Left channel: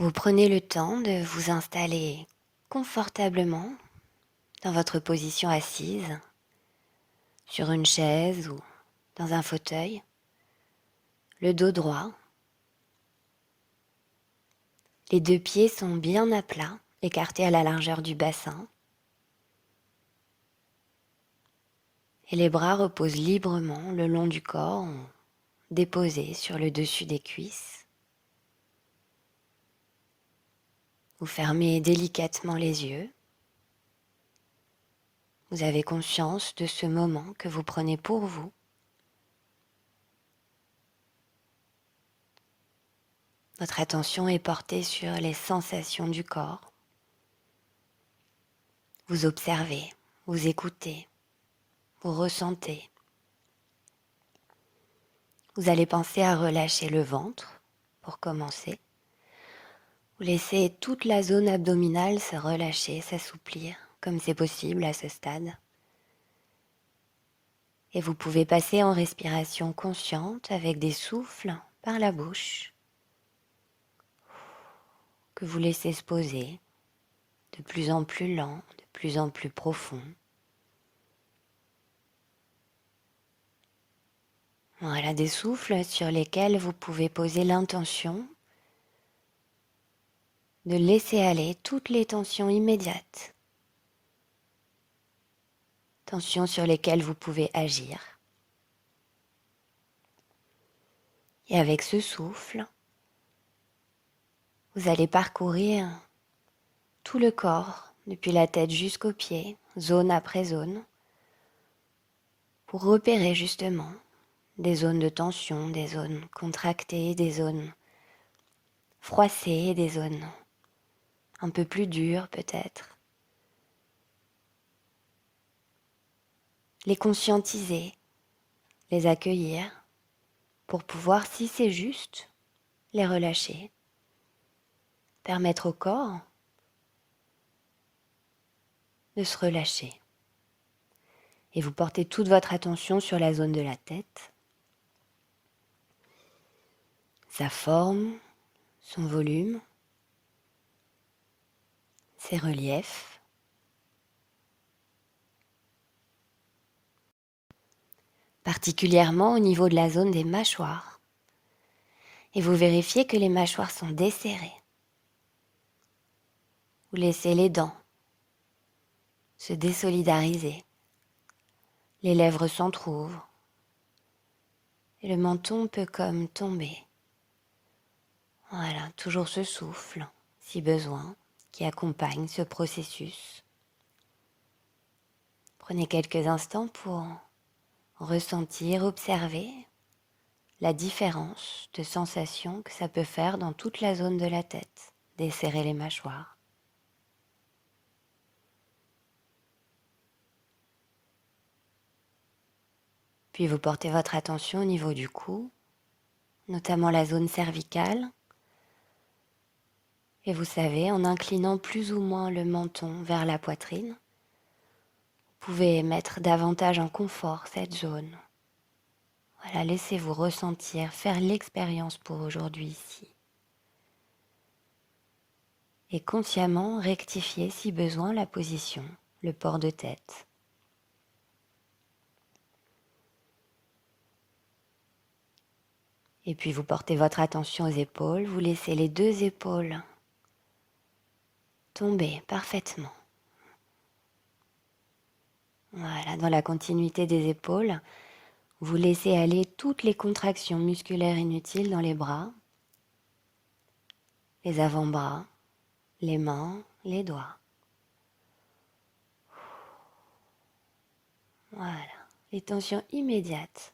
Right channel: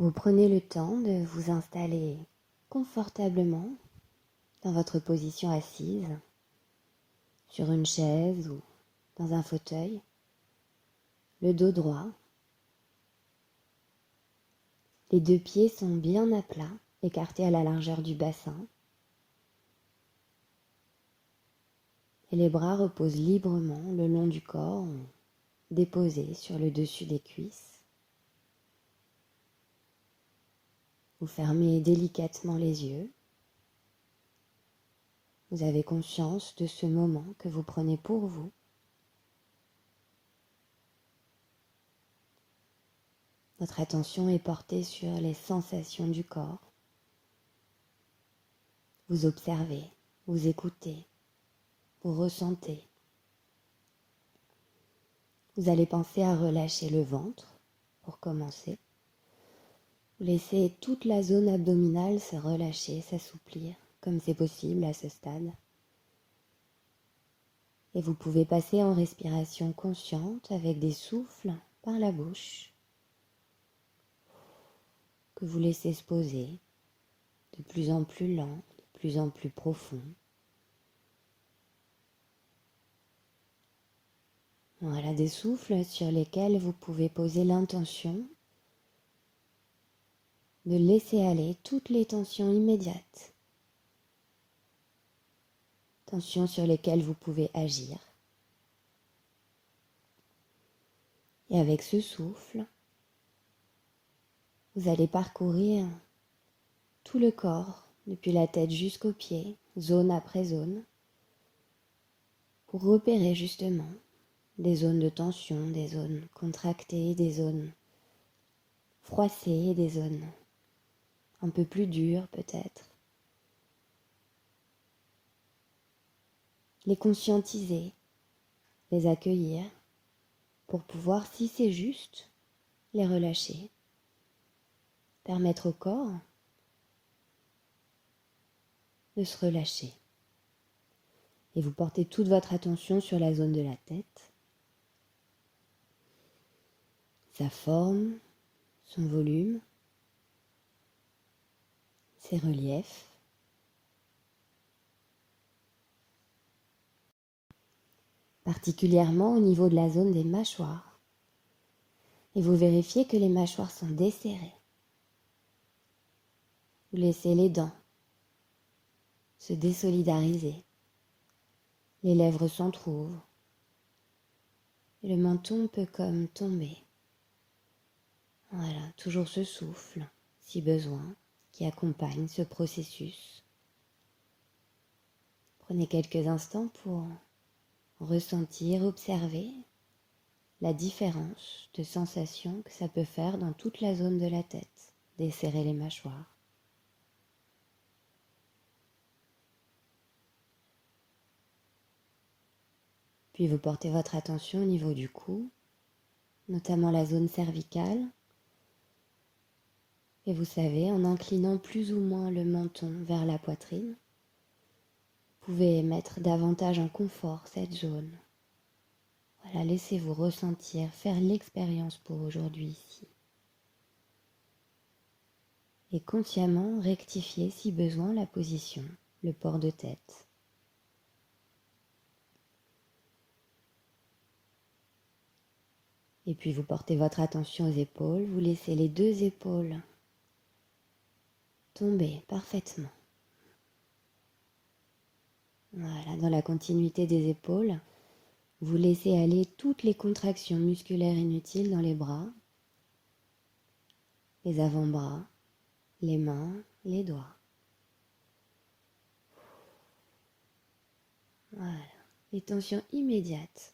Vous prenez le temps de vous installer confortablement dans votre position assise, sur une chaise ou dans un fauteuil, le dos droit. Les deux pieds sont bien à plat, écartés à la largeur du bassin. Et les bras reposent librement le long du corps, déposés sur le dessus des cuisses. Vous fermez délicatement les yeux. Vous avez conscience de ce moment que vous prenez pour vous. Votre attention est portée sur les sensations du corps. Vous observez, vous écoutez, vous ressentez. Vous allez penser à relâcher le ventre pour commencer. Vous laissez toute la zone abdominale se relâcher, s'assouplir, comme c'est possible à ce stade. Et vous pouvez passer en respiration consciente avec des souffles par la bouche que vous laissez se poser de plus en plus lent, de plus en plus profond. Voilà, des souffles sur lesquels vous pouvez poser l'intention de laisser aller toutes les tensions immédiates. Tensions sur lesquelles vous pouvez agir. Et avec ce souffle, vous allez parcourir tout le corps, depuis la tête jusqu'aux pieds, zone après zone, pour repérer justement des zones de tension, des zones contractées, des zones froissées, des zones un peu plus dures peut-être. Les conscientiser, les accueillir, pour pouvoir, si c'est juste, les relâcher. Permettre au corps de se relâcher. Et vous portez toute votre attention sur la zone de la tête, sa forme, son volume, ses reliefs. Particulièrement au niveau de la zone des mâchoires. Et vous vérifiez que les mâchoires sont desserrées. Vous laissez les dents se désolidariser. Les lèvres s'entr'ouvrent. Et le menton peut comme tomber. Voilà, toujours ce souffle, si besoin, qui accompagne ce processus. Prenez quelques instants pour ressentir, observer la différence de sensation que ça peut faire dans toute la zone de la tête, desserrer les mâchoires. Puis vous portez votre attention au niveau du cou, notamment la zone cervicale. Et vous savez, en inclinant plus ou moins le menton vers la poitrine, vous pouvez mettre davantage en confort cette zone. Voilà, laissez-vous ressentir, faire l'expérience pour aujourd'hui ici. Et consciemment rectifier si besoin la position, le port de tête. Et puis vous portez votre attention aux épaules, vous laissez les deux épaules tomber parfaitement. Voilà, dans la continuité des épaules, vous laissez aller toutes les contractions musculaires inutiles dans les bras, les avant-bras, les mains, les doigts. Voilà, les tensions immédiates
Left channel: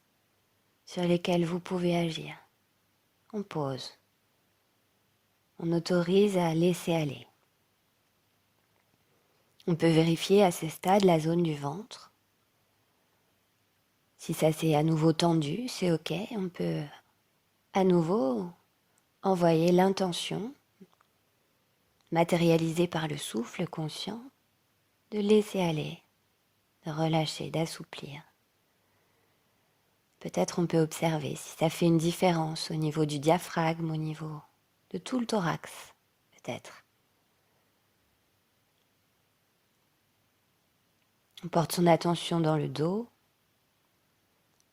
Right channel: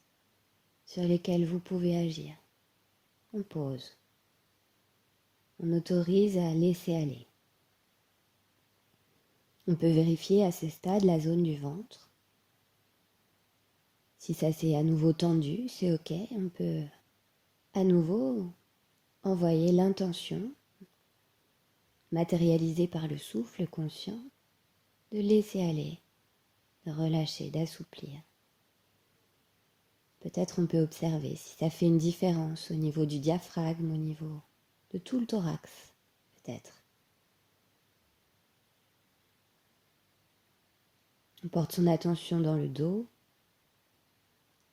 sur lesquelles vous pouvez agir. On pose. On autorise à laisser aller. On peut vérifier à ce stade la zone du ventre. Si ça s'est à nouveau tendu, c'est ok. On peut à nouveau envoyer l'intention, matérialisée par le souffle conscient, de laisser aller, de relâcher, d'assouplir. Peut-être on peut observer si ça fait une différence au niveau du diaphragme, au niveau de tout le thorax. peut-être. On porte son attention dans le dos,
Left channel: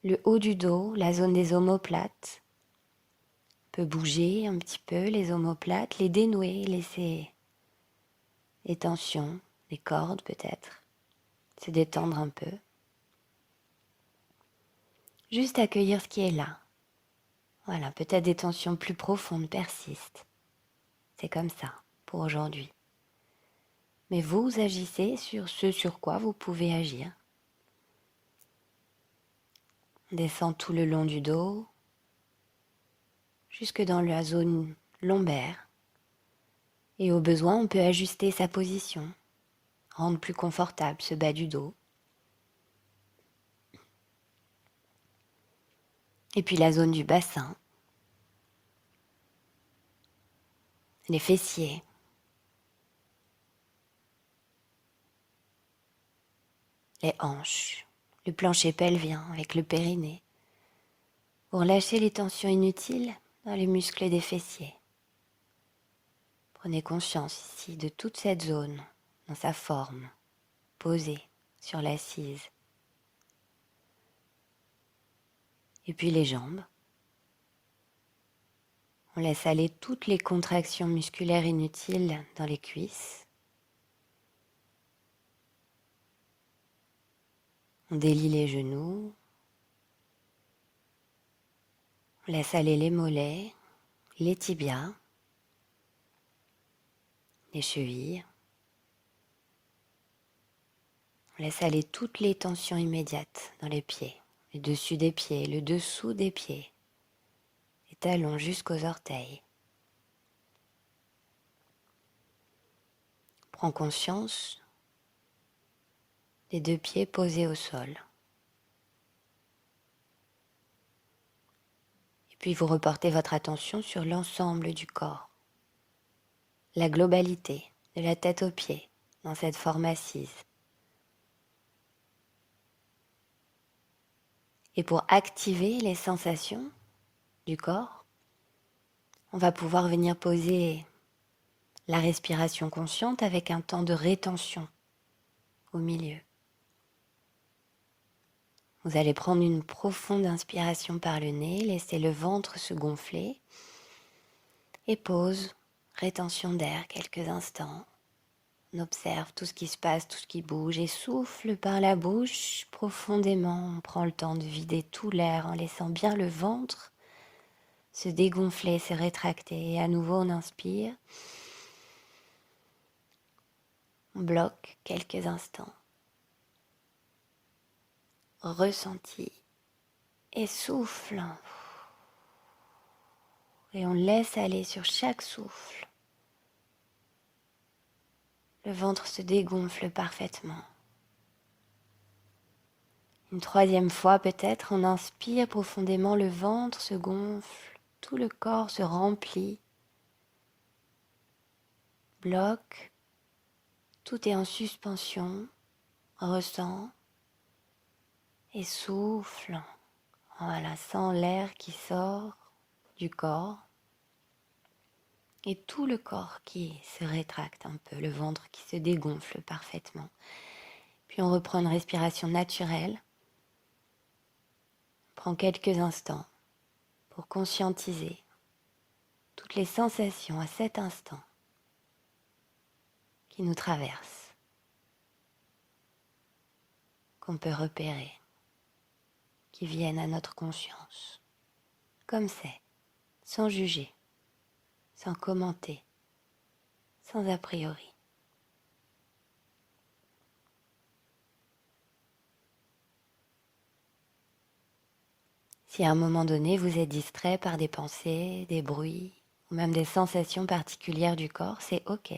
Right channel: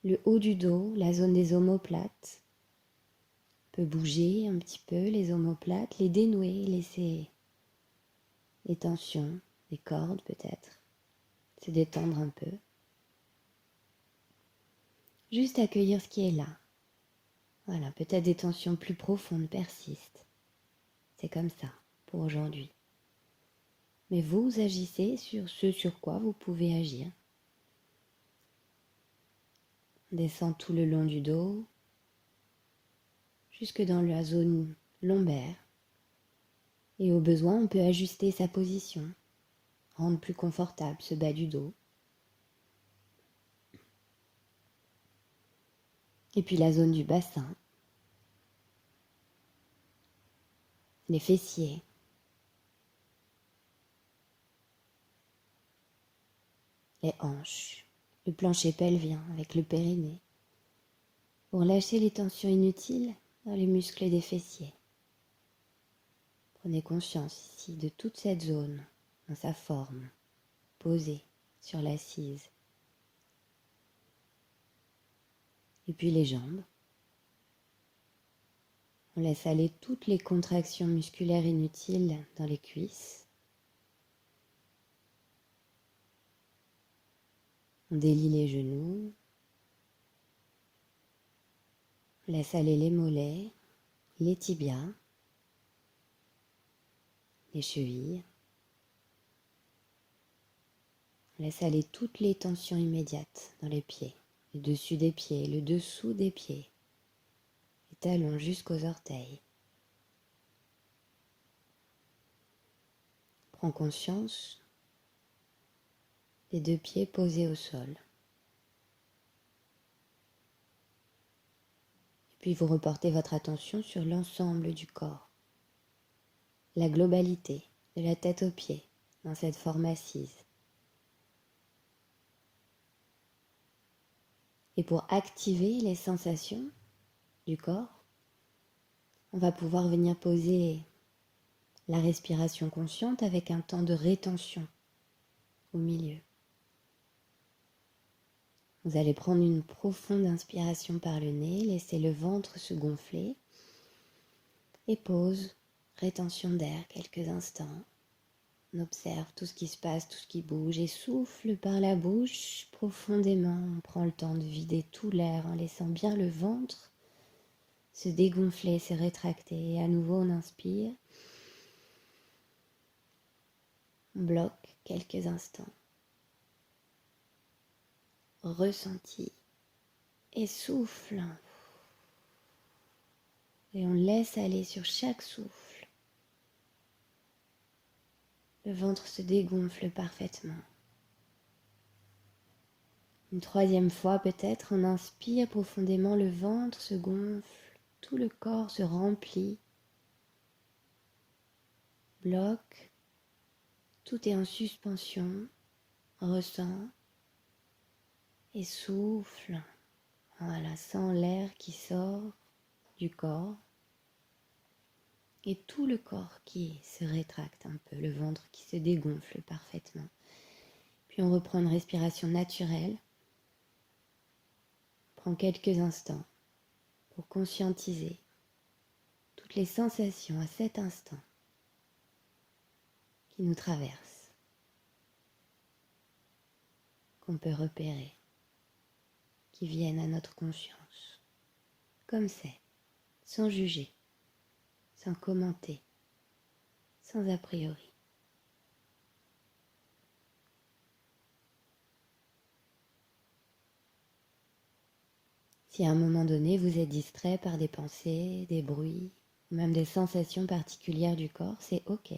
le haut du dos, la zone des omoplates. On peut bouger un petit peu les omoplates, les dénouer, laisser les tensions, les cordes peut-être, se détendre un peu. Juste accueillir ce qui est là. Voilà, peut-être des tensions plus profondes persistent. C'est comme ça pour aujourd'hui. Mais vous agissez sur ce sur quoi vous pouvez agir. On descend tout le long du dos, jusque dans la zone lombaire. Et au besoin, on peut ajuster sa position, rendre plus confortable ce bas du dos. Et puis la zone du bassin, les fessiers, les hanches, le plancher pelvien avec le périnée, pour lâcher les tensions inutiles dans les muscles des fessiers. Prenez conscience ici de toute cette zone, dans sa forme, posée sur l'assise. Et puis les jambes. On laisse aller toutes les contractions musculaires inutiles dans les cuisses. On délie les genoux. On laisse aller les mollets, les tibias, les chevilles. On laisse aller toutes les tensions immédiates dans les pieds, le dessus des pieds, le dessous des pieds, les talons jusqu'aux orteils. Prends conscience des deux pieds posés au sol. Et puis vous reportez votre attention sur l'ensemble du corps, la globalité de la tête aux pieds dans cette forme assise. Et pour activer les sensations du corps, on va pouvoir venir poser la respiration consciente avec un temps de rétention au milieu. Vous allez prendre une profonde inspiration par le nez, laisser le ventre se gonfler et pause, rétention d'air quelques instants. On observe tout ce qui se passe, tout ce qui bouge et souffle par la bouche profondément. On prend le temps de vider tout l'air en laissant bien le ventre se dégonfler, se rétracter. Et à nouveau, on inspire. On bloque quelques instants. Ressenti et souffle. Et on laisse aller sur chaque souffle. Le ventre se dégonfle parfaitement. Une troisième fois peut-être, on inspire profondément, le ventre se gonfle, tout le corps se remplit, bloque, tout est en suspension, ressent et souffle. Voilà, sent l'air qui sort du corps et tout le corps qui se rétracte un peu, le ventre qui se dégonfle parfaitement. Puis on reprend une respiration naturelle. On prend quelques instants pour conscientiser toutes les sensations à cet instant qui nous traversent, qu'on peut repérer, qui viennent à notre conscience, comme c'est, sans juger, sans commenter, sans a priori. Si à un moment donné vous êtes distrait par des pensées, des bruits, ou même des sensations particulières du corps, c'est ok,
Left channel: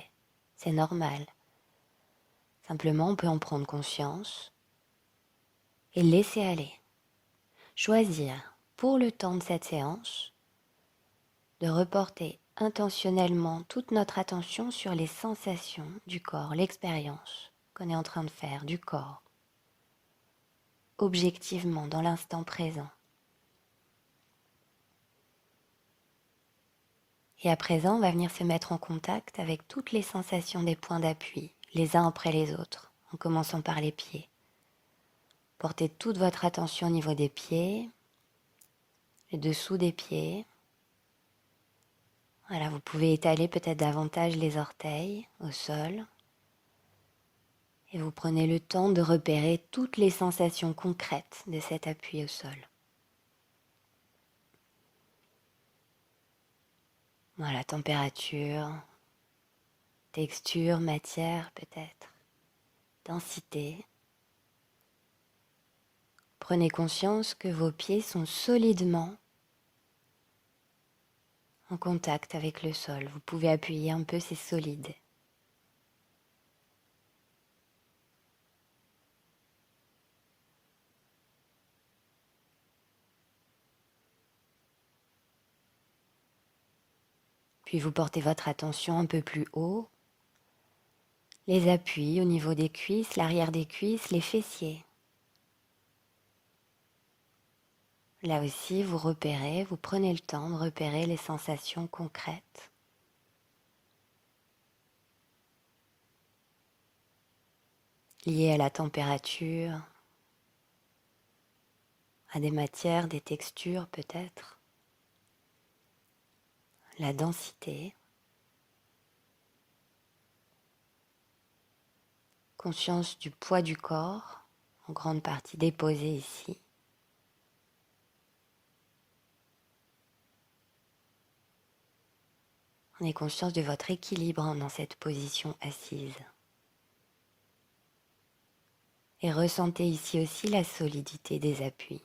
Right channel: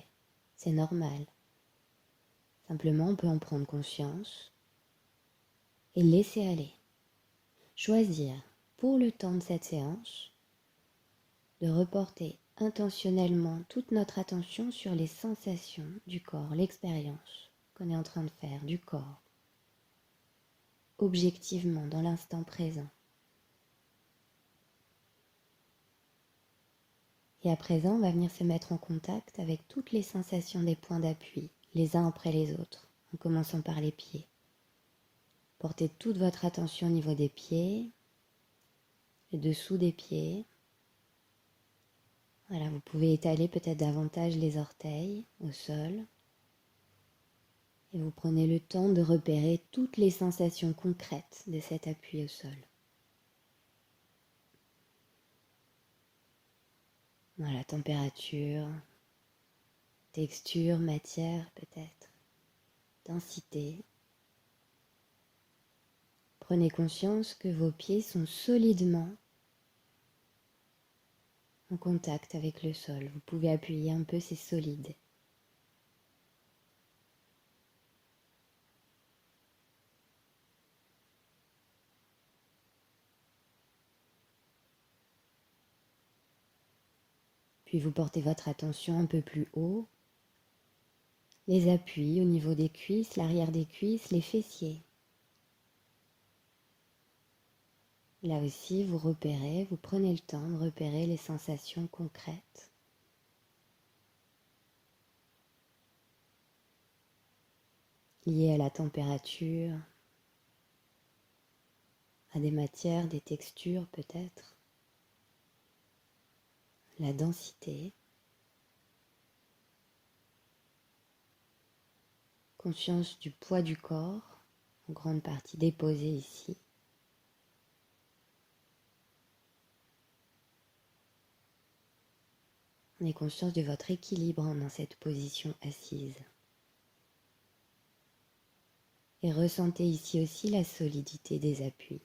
c'est normal. Simplement, on peut en prendre conscience et laisser aller. Choisir, pour le temps de cette séance, de reporter intentionnellement toute notre attention sur les sensations du corps, l'expérience qu'on est en train de faire du corps, objectivement, dans l'instant présent. Et à présent, on va venir se mettre en contact avec toutes les sensations des points d'appui, les uns après les autres, en commençant par les pieds. Portez toute votre attention au niveau des pieds, le dessous des pieds. Voilà, vous pouvez étaler peut-être davantage les orteils au sol. Et vous prenez le temps de repérer toutes les sensations concrètes de cet appui au sol. Voilà, température, texture, matière peut-être, densité. Prenez conscience que vos pieds sont solidement en contact avec le sol. Vous pouvez appuyer un peu, c'est solide. Puis vous portez votre attention un peu plus haut. Les appuis au niveau des cuisses, l'arrière des cuisses, les fessiers. Là aussi, vous repérez, vous prenez le temps de repérer les sensations concrètes. Liées à la température, à des matières, des textures peut-être, la densité. Conscience du poids du corps, en grande partie déposé ici. Prenez conscience de votre équilibre dans cette position assise. Et ressentez ici aussi la solidité des appuis.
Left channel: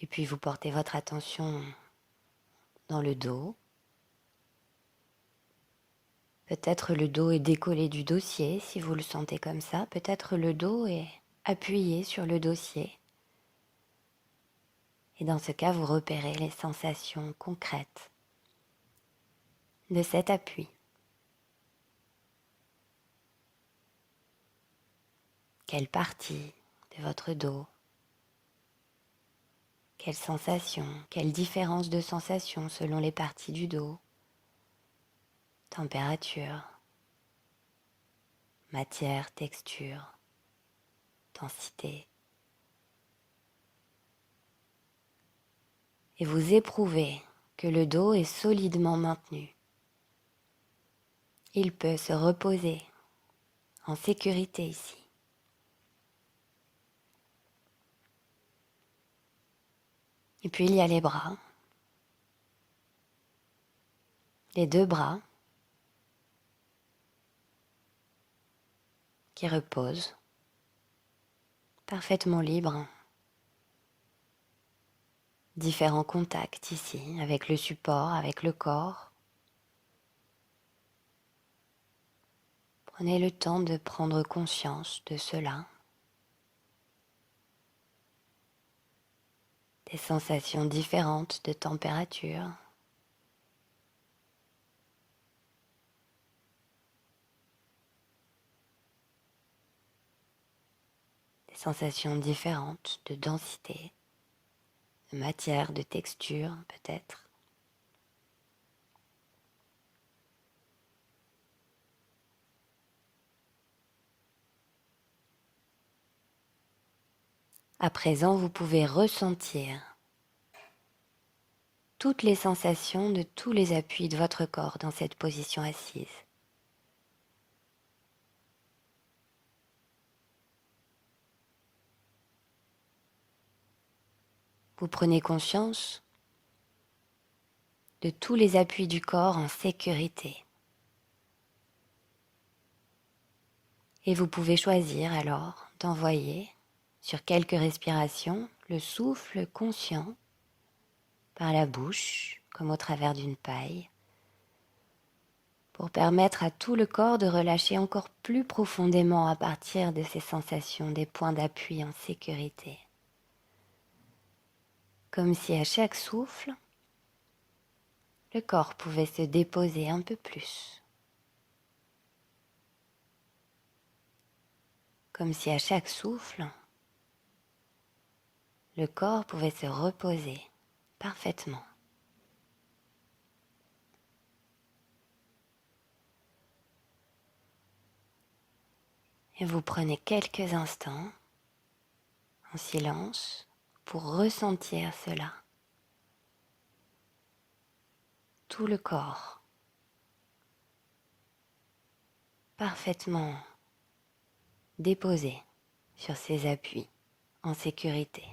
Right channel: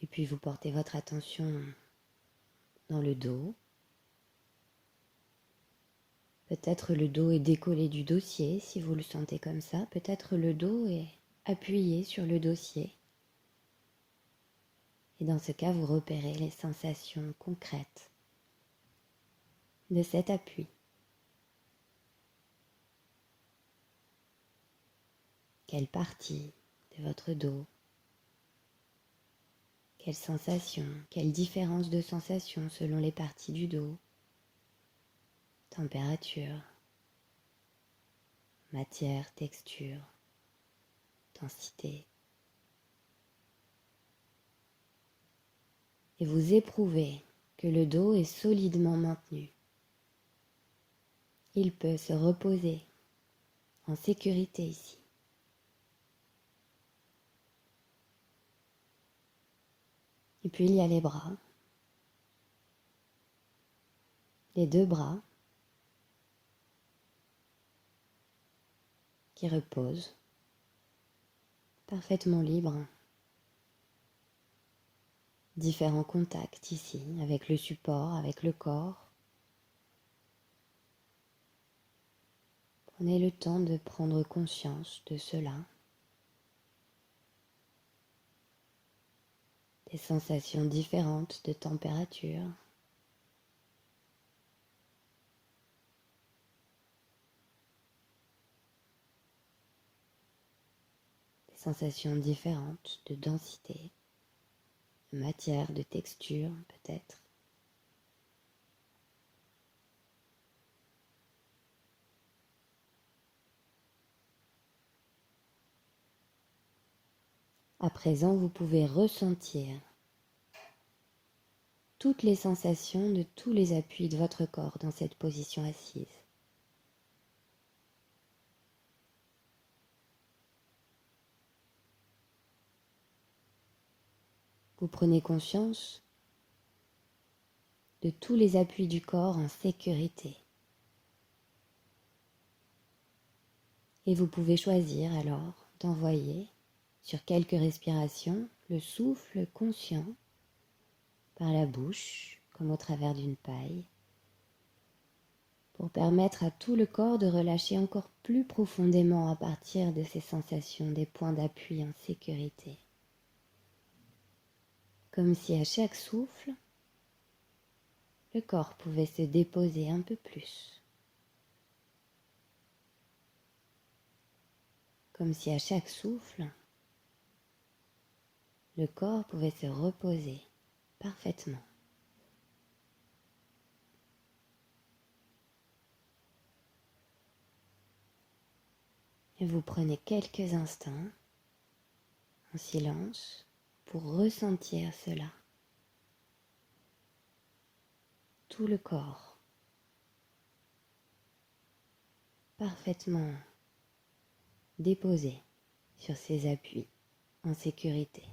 Et puis vous portez votre attention dans le dos. Peut-être le dos est décollé du dossier si vous le sentez comme ça. Peut-être le dos est appuyé sur le dossier. Et dans ce cas, vous repérez les sensations concrètes de cet appui. Quelle partie de votre dos? Quelles sensations? Quelle différence de sensations selon les parties du dos? Température, matière, texture, densité. Et vous éprouvez que le dos est solidement maintenu. Il peut se reposer en sécurité ici. Et puis il y a les bras, les deux bras qui reposent parfaitement libres. Différents contacts ici avec le support, avec le corps. Prenez le temps de prendre conscience de cela. Des sensations différentes de température. Des sensations différentes de densité, de matière, de texture peut-être. À présent, vous pouvez ressentir toutes les sensations de tous les appuis de votre corps dans cette position assise. Vous prenez conscience de tous les appuis du corps en sécurité. Et vous pouvez choisir alors d'envoyer sur quelques respirations le souffle conscient par la bouche, comme au travers d'une paille, pour permettre à tout le corps de relâcher encore plus profondément à partir de ces sensations, des points d'appui en sécurité. Comme si à chaque souffle, le corps pouvait se déposer un peu plus. comme si à chaque souffle, le corps pouvait se reposer parfaitement. Et vous prenez quelques instants en silence pour ressentir cela. Tout le corps parfaitement déposé sur ses appuis en sécurité.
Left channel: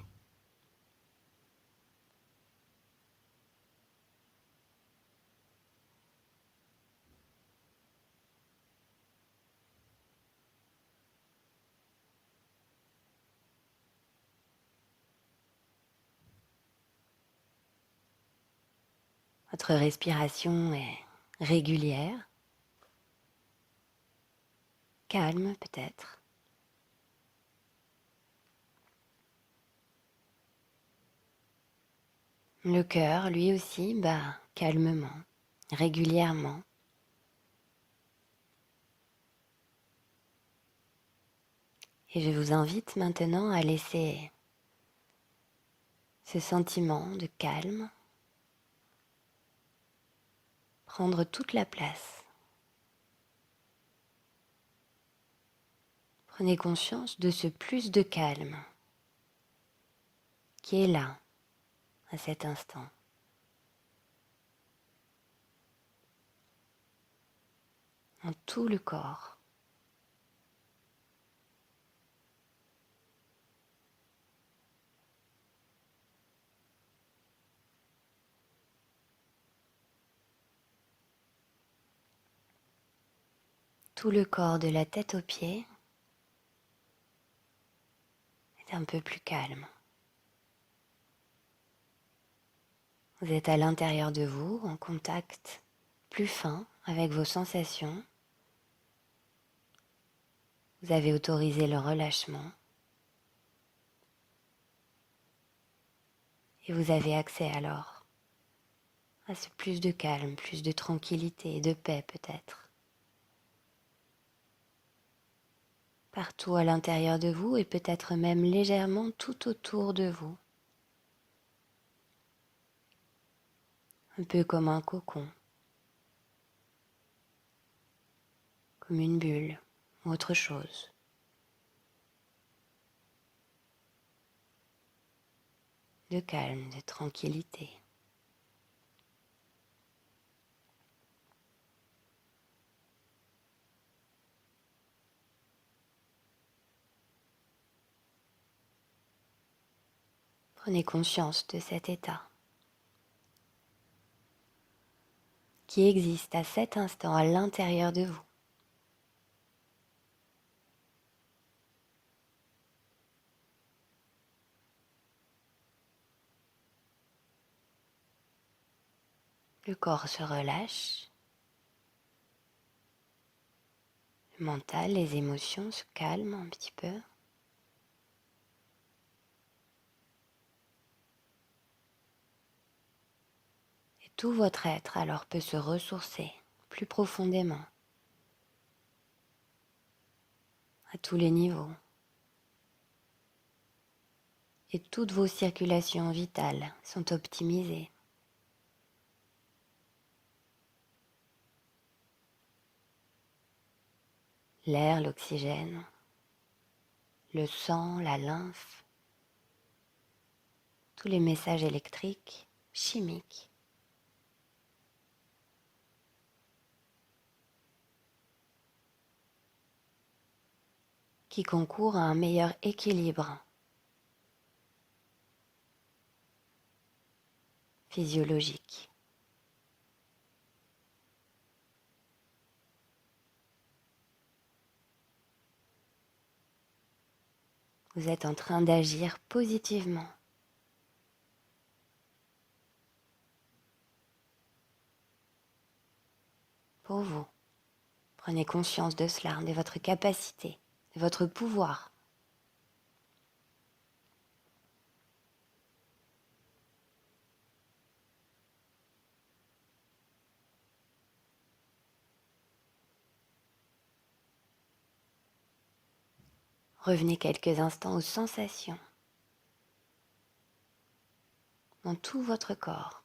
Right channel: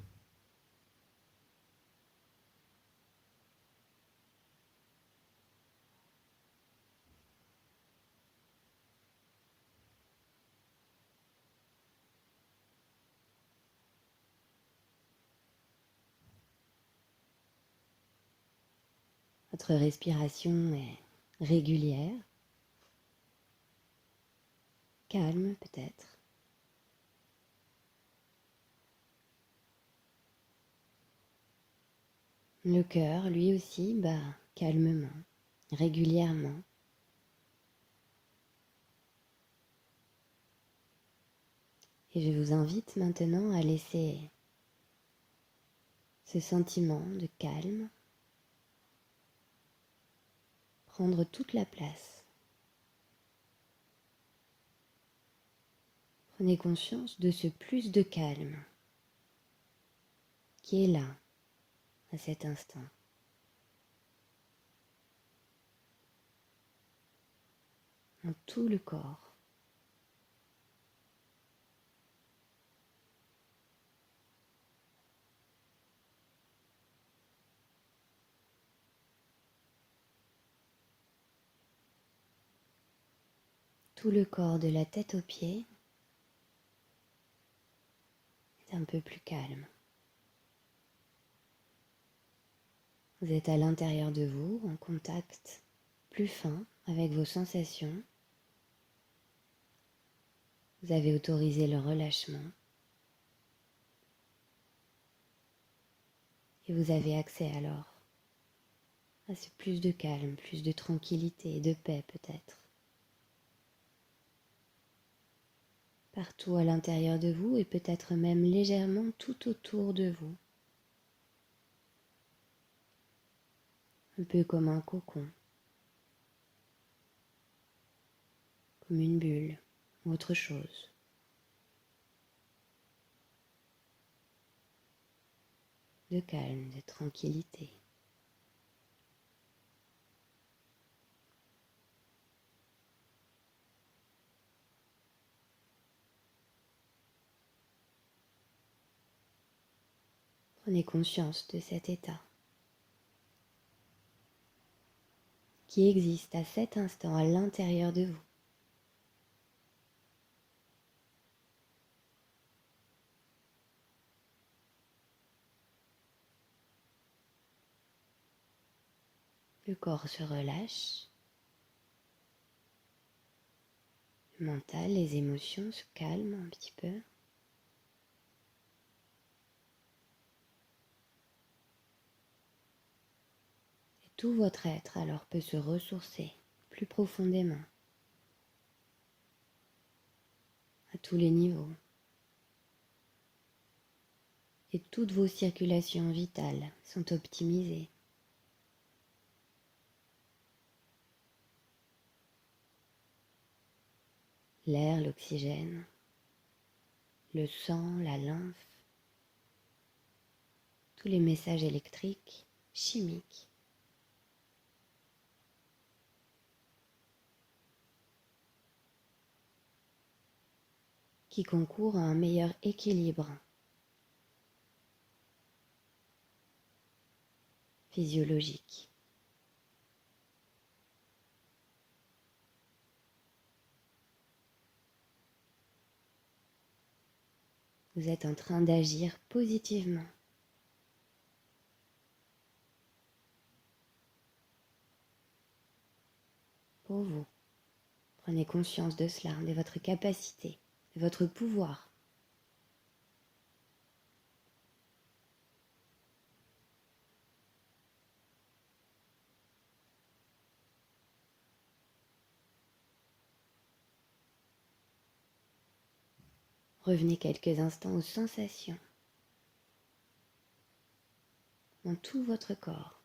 Votre respiration est régulière, calme peut-être. Le cœur, lui aussi, bat calmement, régulièrement. Et je vous invite maintenant à laisser ce sentiment de calme prendre toute la place. Prenez conscience de ce plus de calme qui est là, à cet instant. Dans tout le corps. Tout le corps de la tête aux pieds est un peu plus calme. Vous êtes à l'intérieur de vous, en contact plus fin avec vos sensations. Vous avez autorisé le relâchement. Et vous avez accès alors à ce plus de calme, plus de tranquillité et de paix peut-être. Partout à l'intérieur de vous et peut-être même légèrement tout autour de vous. Un peu comme un cocon, comme une bulle ou autre chose. De calme, de tranquillité. Prenez conscience de cet état qui existe à cet instant à l'intérieur de vous. Le corps se relâche, le mental, les émotions se calment un petit peu. Et tout votre être alors peut se ressourcer plus profondément à tous les niveaux. Et toutes vos circulations vitales sont optimisées. L'air, l'oxygène, le sang, la lymphe, tous les messages électriques, chimiques. Qui concourent à un meilleur équilibre physiologique. Vous êtes en train d'agir positivement. Pour vous, prenez conscience de cela, de votre capacité, de votre pouvoir. Revenez quelques instants aux sensations dans tout votre corps.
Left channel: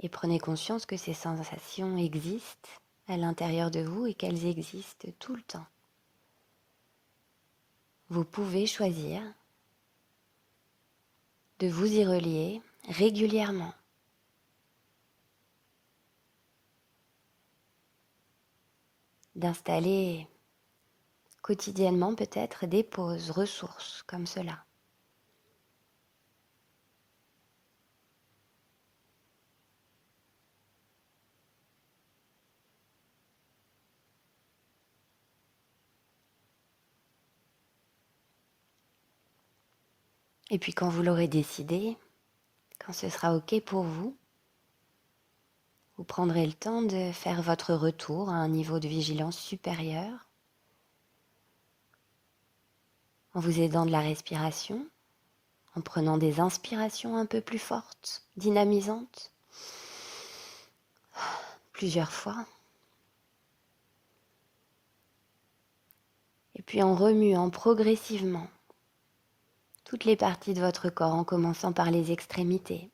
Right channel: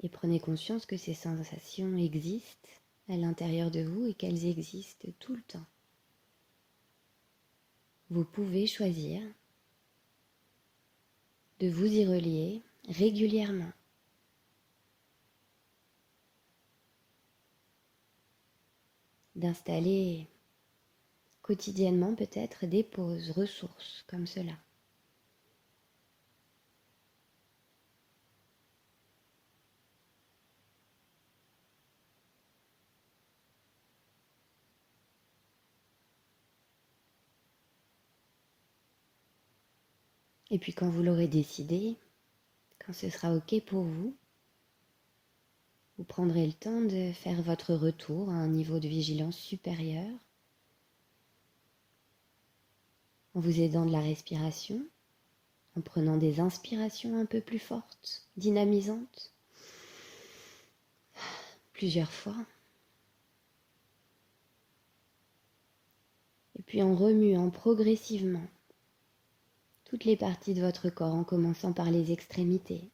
Et prenez conscience que ces sensations existent à l'intérieur de vous et qu'elles existent tout le temps. Vous pouvez choisir de vous y relier régulièrement. D'installer quotidiennement peut-être des pauses, ressources comme cela. Et puis quand vous l'aurez décidé, quand ce sera OK pour vous, vous prendrez le temps de faire votre retour à un niveau de vigilance supérieur en vous aidant de la respiration, en prenant des inspirations un peu plus fortes, dynamisantes, plusieurs fois. Et puis en remuant progressivement toutes les parties de votre corps en commençant par les extrémités,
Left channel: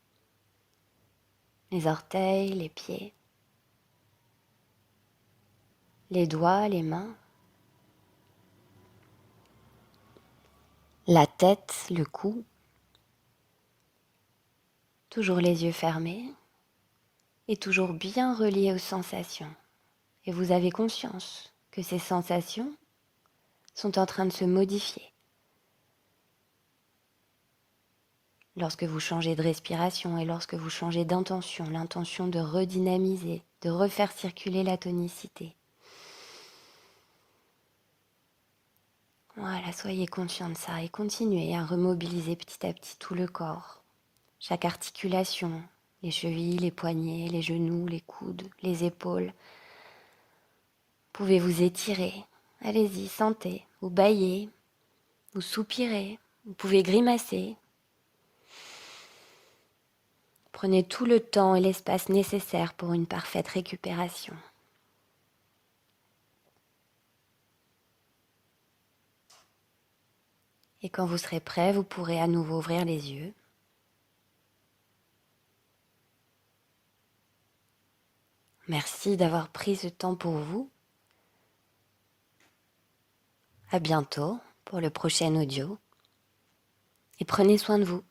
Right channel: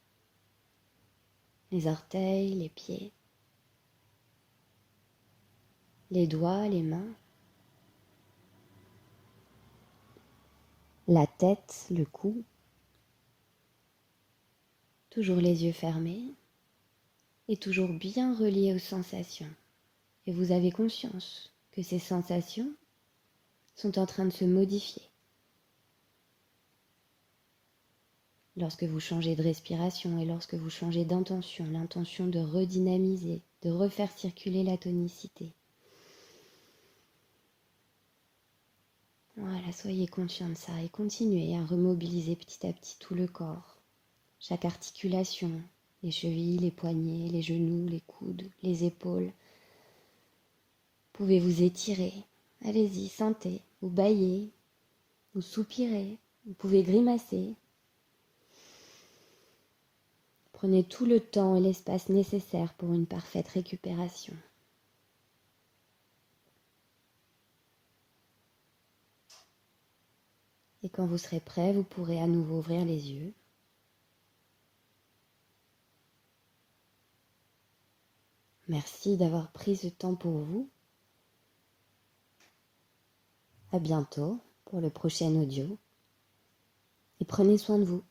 les orteils, les pieds, les doigts, les mains, la tête, le cou, toujours les yeux fermés et toujours bien reliés aux sensations. Et vous avez conscience que ces sensations sont en train de se modifier. Lorsque vous changez de respiration et lorsque vous changez d'intention, l'intention de redynamiser, de refaire circuler la tonicité. Voilà, soyez conscient de ça et continuez à remobiliser petit à petit tout le corps. Chaque articulation, les chevilles, les poignets, les genoux, les coudes, les épaules. Vous pouvez vous étirer. Allez-y, sentez, vous bâillez, vous soupirez, vous pouvez grimacer. Prenez tout le temps et l'espace nécessaire pour une parfaite récupération. Et quand vous serez prêt, vous pourrez à nouveau ouvrir les yeux. Merci d'avoir pris ce temps pour vous. À bientôt pour le prochain audio. Et prenez soin de vous.